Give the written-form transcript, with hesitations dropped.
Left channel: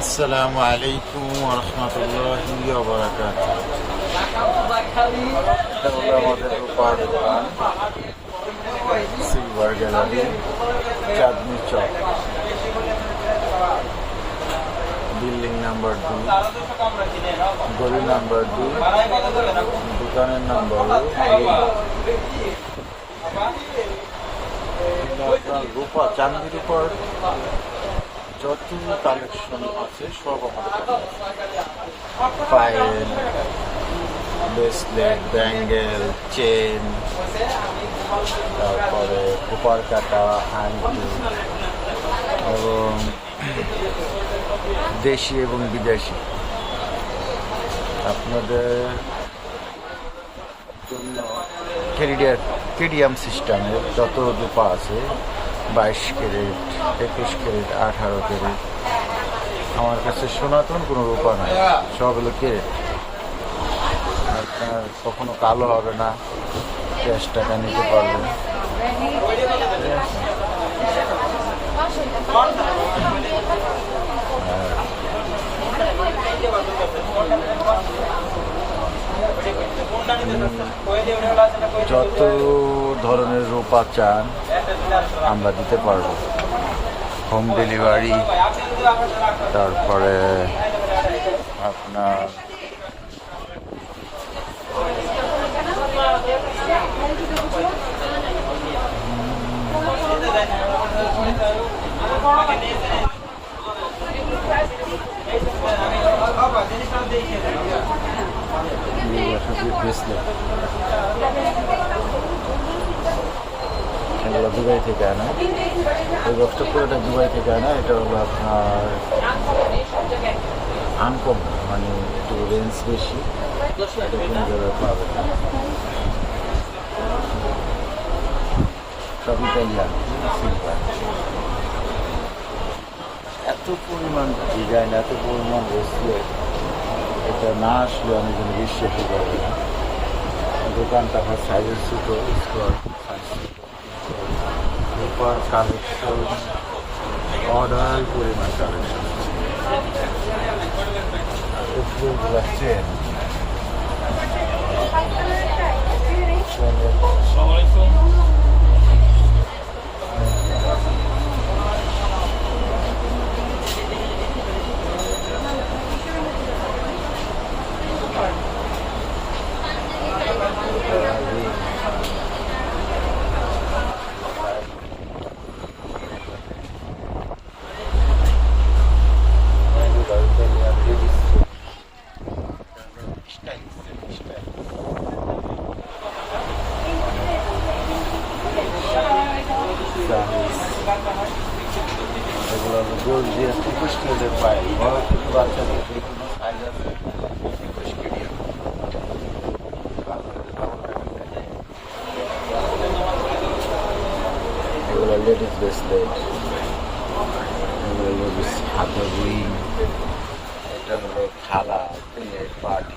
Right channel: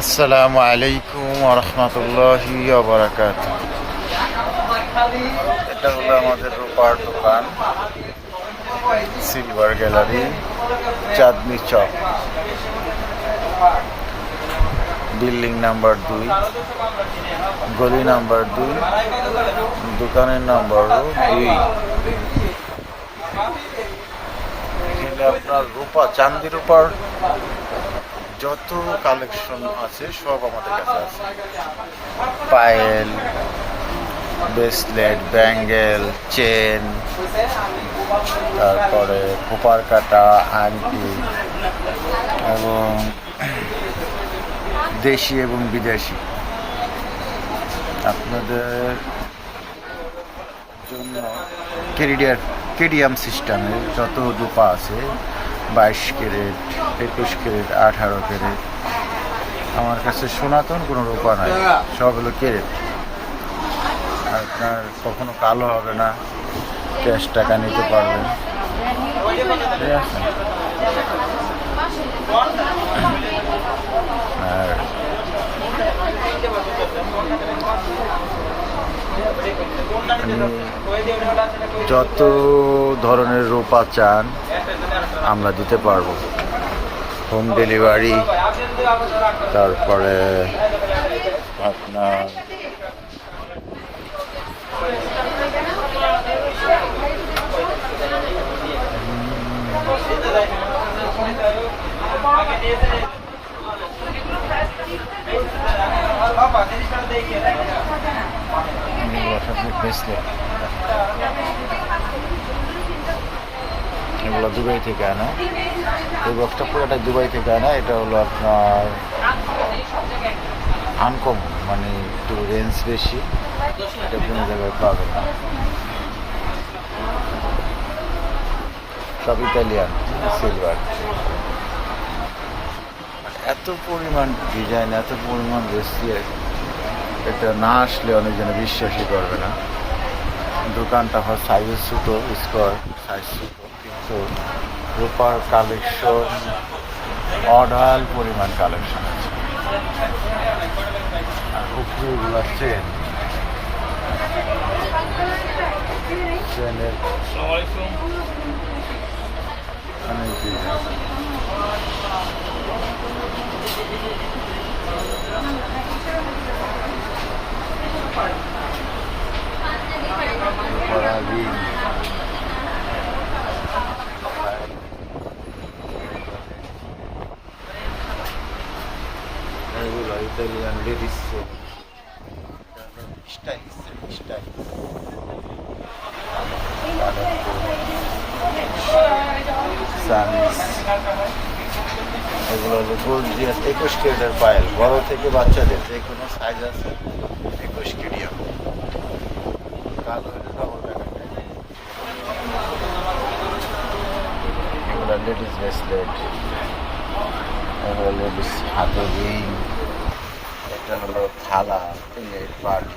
আসসালামু আলাইকুম ওয়া রাহমাতুল্লাহি ওয়া বারাকাতুহু। এটা হলো আমাদের রূপার দোকান, silver gallery, Chandni Chowk, building number 2, গলি নাম্বার 2, দোকানের নাম্বার 2। এখানে আপনার রূপা, চাঁদি রূপার যত কালেকশন আছে সব আমাদের কাছে আছে। পায়েল, ব্রেসলেট, ব্যাঙ্গেল, চেন, তারপরে খোপার কাটা, আংটি এবং দেশি এবং বিদেশি আপনাদের জন্য কেডিয়াম সিস্টেমের যত রূপা আছে, 22 ক্যারেট, 21 ক্যারেট, 18 ক্যারেট। আমার কাছে সনাতন কোনো রূপা নাই, সব হলো ক্যারেট। আপনার কখনো কালো হবে না, ক্যাশ টাকা নিতে পারবেন, ঠিক আছে। আর যত ধরনের রূপা চান আমরা দিতে পারবো, হোম ডেলিভারি। তারপরে আপনার এগুলো দুবাই থেকে আনা, এই বক্সটা পুরোটা দুবাই থেকে আনা। এটা হলো আপনার আনকম, মানে একটু রেঞ্জ বেশি, এটা কোনো জায়গায় পাবে না। সব ইতালিয়ান সিলভার। এত পরিমাণ ডিজাইন, এত পরিমাণ রেসিয়ার, এটা না আসলে অনেকজনে বিশ্বাসই করবে না। দোকানটা হয় সাইজ ছোটো, স্কোয়ার সাইজ ছোটো, তো রূপার কালেকশন অর্ডার পরিমাণ কালেকশন আছে। আর উপরে এগুলো চেন, এগুলো ইতালিয়ান লেডিস স্টাইল, স্টাইল এগুলো হলো গোল দিয়ে 21 ক্যারেটের পায়েল, বড় থেকে বাচ্চাদের যে কোনো সাইজ আছে, 21 ক্যারিয়াম। এগুলো লেডিস ব্রেসলেট, লেডিস হাতের রিং, এটা হলো থালা, প্লেট, বাটি।